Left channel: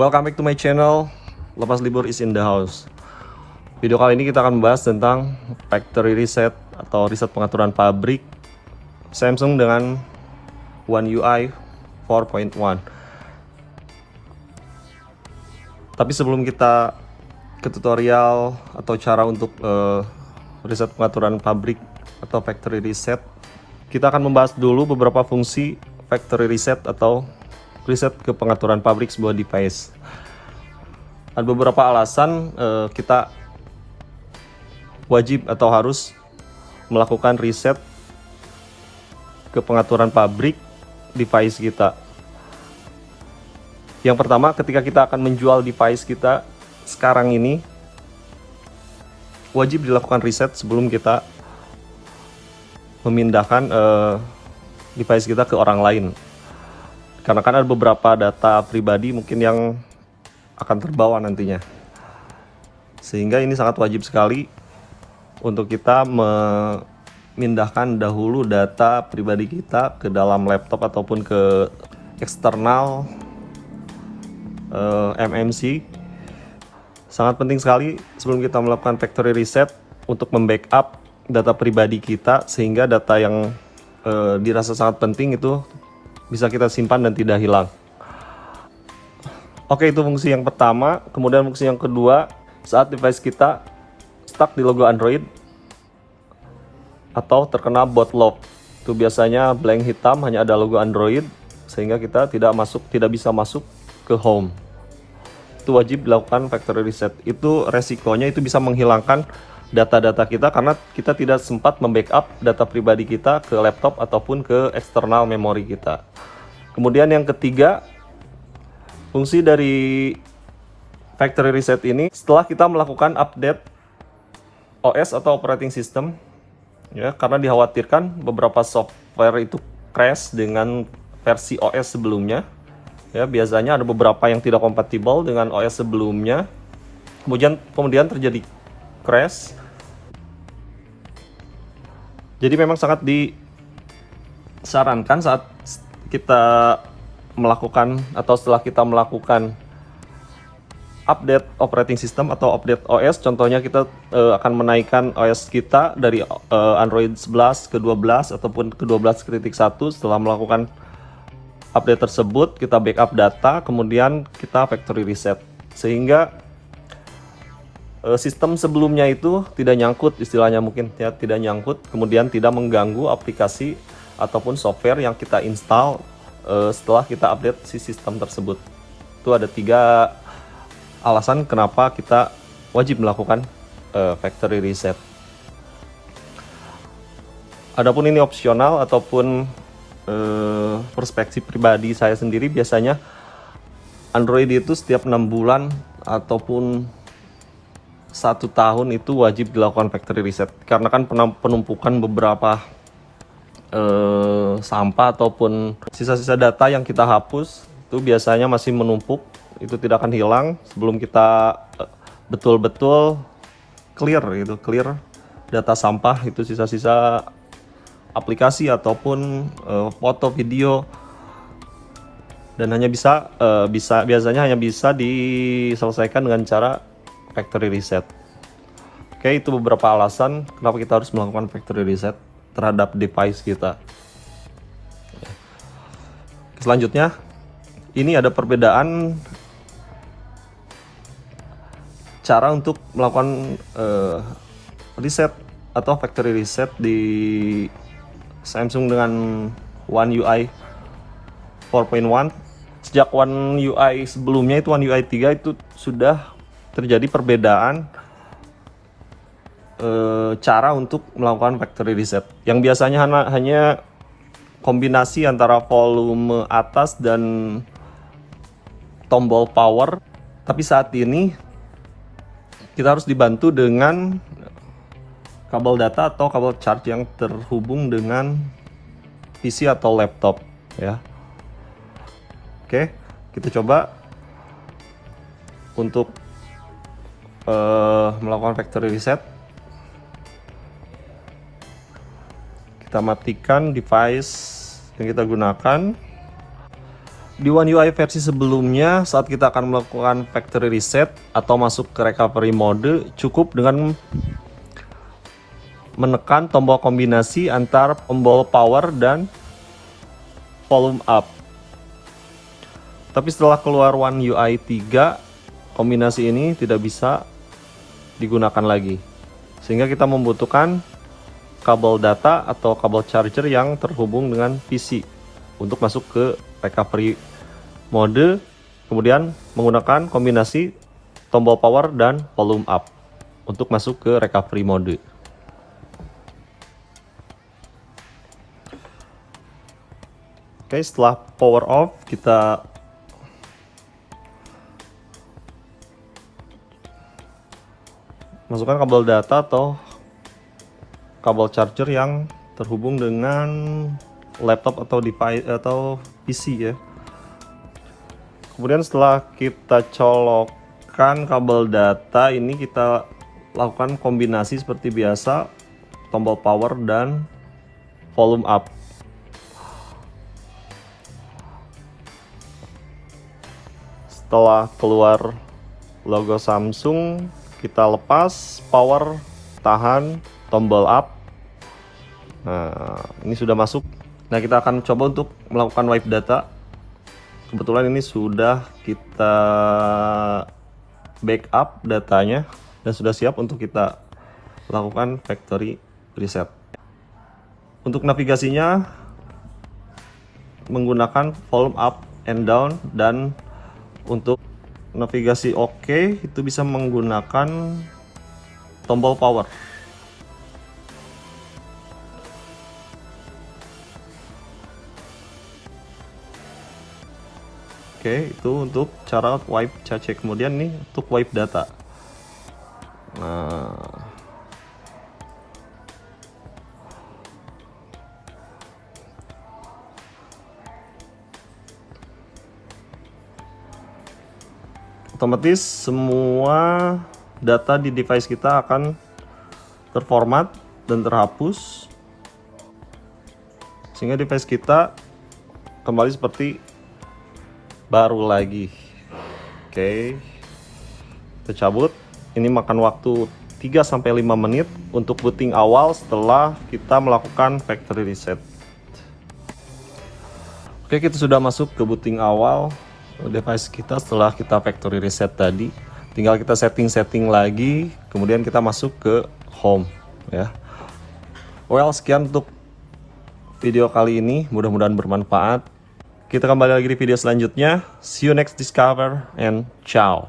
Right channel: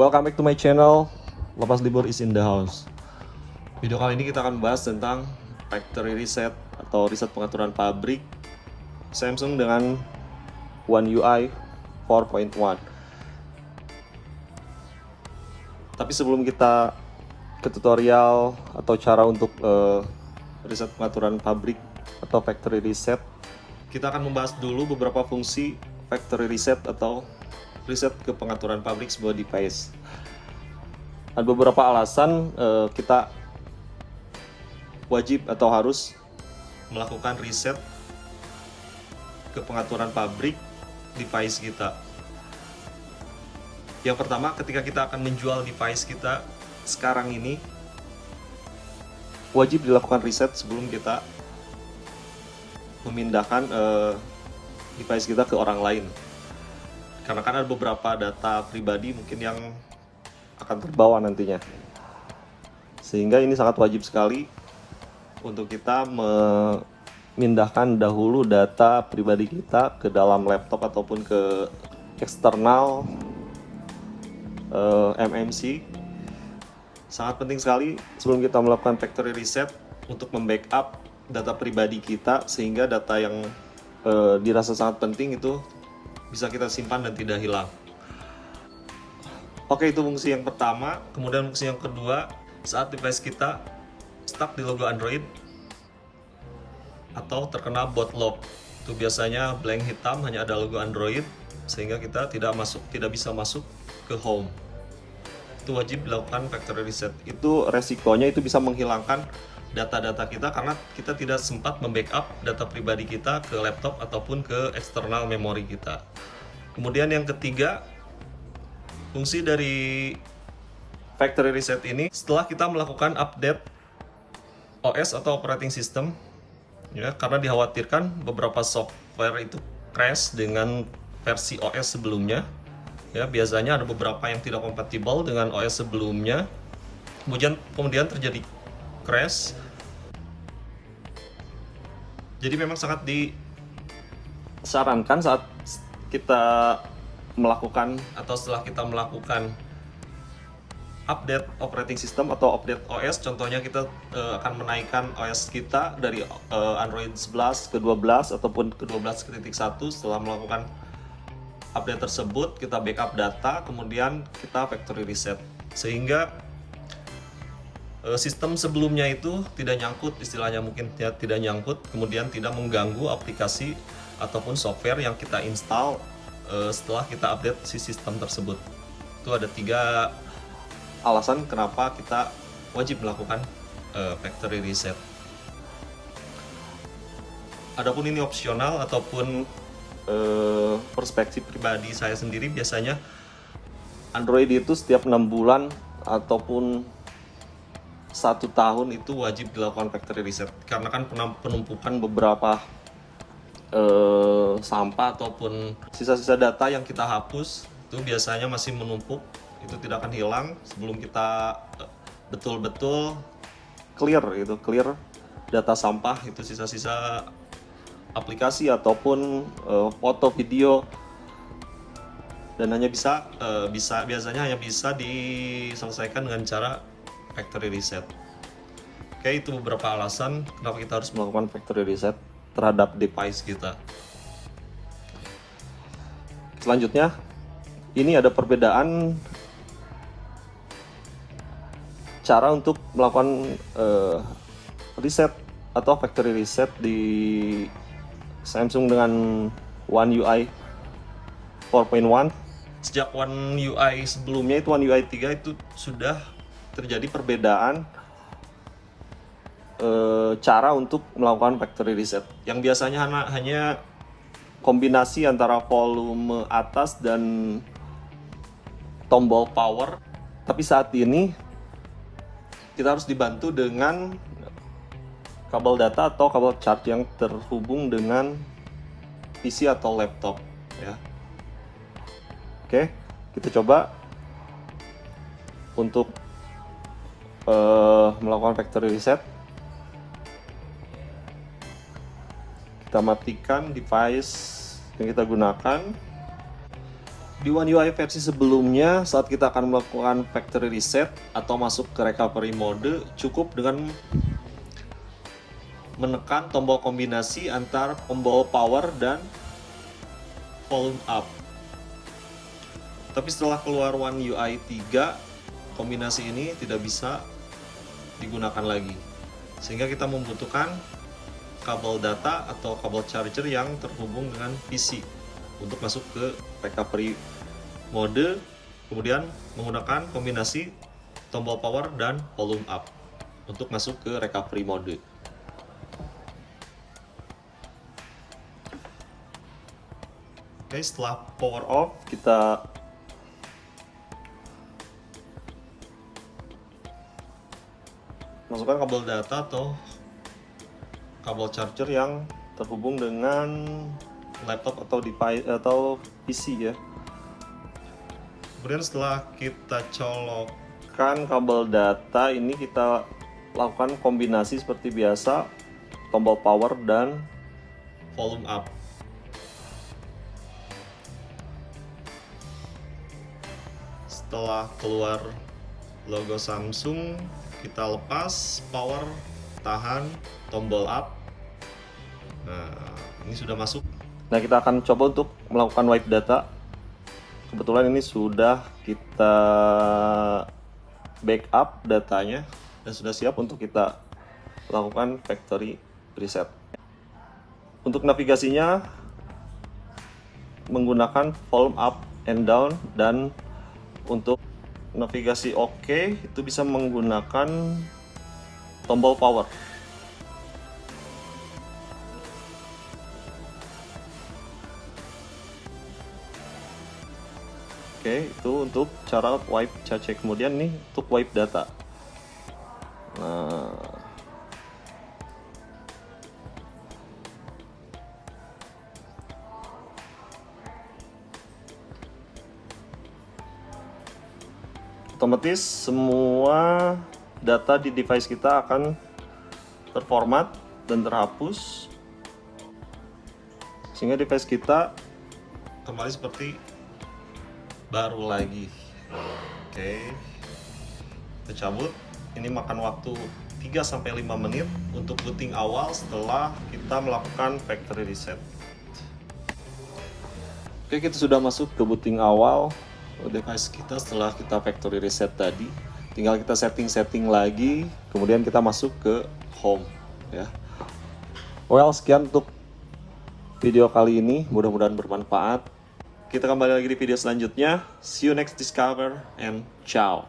Welcome back to my channel. Lepas libur is in the house. Video kali ini kita akan membahas tentang factory reset atau riset pengaturan pabrik Samsung dengan One UI 4.1. Tapi sebelum kita ke tutorial atau cara untuk riset pengaturan pabrik atau factory reset, kita akan membahas dulu beberapa fungsi factory reset atau riset ke pengaturan pabrik sebuah device. Ada beberapa alasan kita wajib atau harus melakukan riset ke pengaturan pabrik device kita. Yang pertama, ketika kita akan menjual device kita sekarang ini, wajib dilakukan riset sebelum kita memindahkan device kita ke orang lain. Karena kan ada beberapa data pribadi mungkin yang akan terbawa nantinya. Sehingga ini sangat wajib sekali untuk kita memindahkan dahulu data pribadi kita ke dalam laptop ataupun ke eksternal MMC. Sangat penting sekali sebelum kita melakukan factory reset untuk membackup data pribadi kita, sehingga data yang dirasa sangat penting itu bisa kita simpan dan tidak hilang. Oke, itu fungsi yang pertama. Kemudian fungsi yang kedua, saat device kita stuck di logo Android atau terkena boot lock, itu biasanya blank hitam, hanya ada logo Android, sehingga kita tidak bisa masuk ke home. Itu wajib dilakukan factory reset. Itu resikonya itu bisa menghilangkan data-data kita karena kita tidak sempat membackup data pribadi kita ke laptop ataupun ke eksternal memori kita. Kemudian yang ketiga, fungsi dari factory reset ini setelah kita melakukan update OS atau operating system, ya, karena dikhawatirkan beberapa software itu crash dengan versi OS sebelumnya. Ya, biasanya ada beberapa yang tidak kompatibel dengan OS sebelumnya. Kemudian terjadi crash. Jadi memang sangat disarankan saat kita melakukan atau setelah kita melakukan update operating system atau update OS, contohnya kita akan menaikkan OS kita dari Android 11 ke 12 ataupun ke 12.1. Setelah melakukan update tersebut, kita backup data, kemudian kita factory reset, sehingga sistem sebelumnya itu tidak nyangkut, istilahnya mungkin ya, tidak nyangkut, kemudian tidak mengganggu aplikasi ataupun software yang kita install setelah kita update si sistem tersebut. Itu ada 3 alasan kenapa kita wajib melakukan factory reset. Adapun ini opsional ataupun perspektif pribadi saya sendiri, biasanya Android itu setiap 6 bulan ataupun 1 tahun itu wajib dilakukan factory reset, karena kan penumpukan beberapa sampah ataupun sisa-sisa data yang kita hapus itu biasanya masih menumpuk, itu tidak akan hilang sebelum kita betul-betul clear data sampah, itu sisa-sisa aplikasi ataupun foto, video, dan biasanya hanya bisa diselesaikan dengan cara factory reset. Oke, itu beberapa alasan kenapa kita harus melakukan factory reset terhadap device kita. Selanjutnya, ini ada perbedaan cara untuk melakukan reset atau factory reset di Samsung dengan One UI 4.1. Sejak One UI sebelumnya, itu One UI 3, itu sudah terjadi perbedaan cara untuk melakukan factory reset, yang biasanya hanya kombinasi antara volume atas dan tombol power. Tapi saat ini kita harus dibantu dengan kabel data atau kabel charge yang terhubung dengan PC atau laptop, ya. Oke, kita coba untuk melakukan factory reset. Kita matikan device yang kita gunakan. Di One UI versi sebelumnya, saat kita akan melakukan factory reset atau masuk ke recovery mode, cukup dengan menekan tombol kombinasi antara tombol power dan volume up. Tapi setelah keluar One UI 3, kombinasi ini tidak bisa digunakan lagi. Sehingga kita membutuhkan kabel data atau kabel charger yang terhubung dengan PC untuk masuk ke recovery mode, kemudian menggunakan kombinasi tombol power dan volume up untuk masuk ke recovery mode. Oke, setelah power off, kita masukkan kabel data atau kabel charger yang terhubung dengan laptop atau device atau PC ya. Kemudian setelah kita colokkan kabel data ini, kita lakukan kombinasi seperti biasa, tombol power dan volume up. Setelah keluar logo Samsung, kita lepas power, tahan, tombol up. Nah, ini sudah masuk. Nah, kita akan coba untuk melakukan wipe data. Kebetulan ini sudah kita backup datanya dan sudah siap untuk kita lakukan factory reset. Untuk navigasinya menggunakan volume up and down, dan untuk navigasi OK itu bisa menggunakan tombol power. Oke, itu untuk cara wipe cache. Kemudian nih untuk wipe data. Nah, otomatis semua data di device kita akan terformat dan terhapus, sehingga device kita kembali seperti baru lagi. Oke, kita cabut. Ini makan waktu 3-5 menit untuk booting awal setelah kita melakukan factory reset. Oke, kita sudah masuk ke booting awal device kita setelah kita factory reset tadi. Tinggal kita setting lagi, kemudian kita masuk ke home ya. Well, sekian untuk video kali ini, mudah-mudahan bermanfaat. Kita kembali lagi di video selanjutnya. See you next discover and ciao.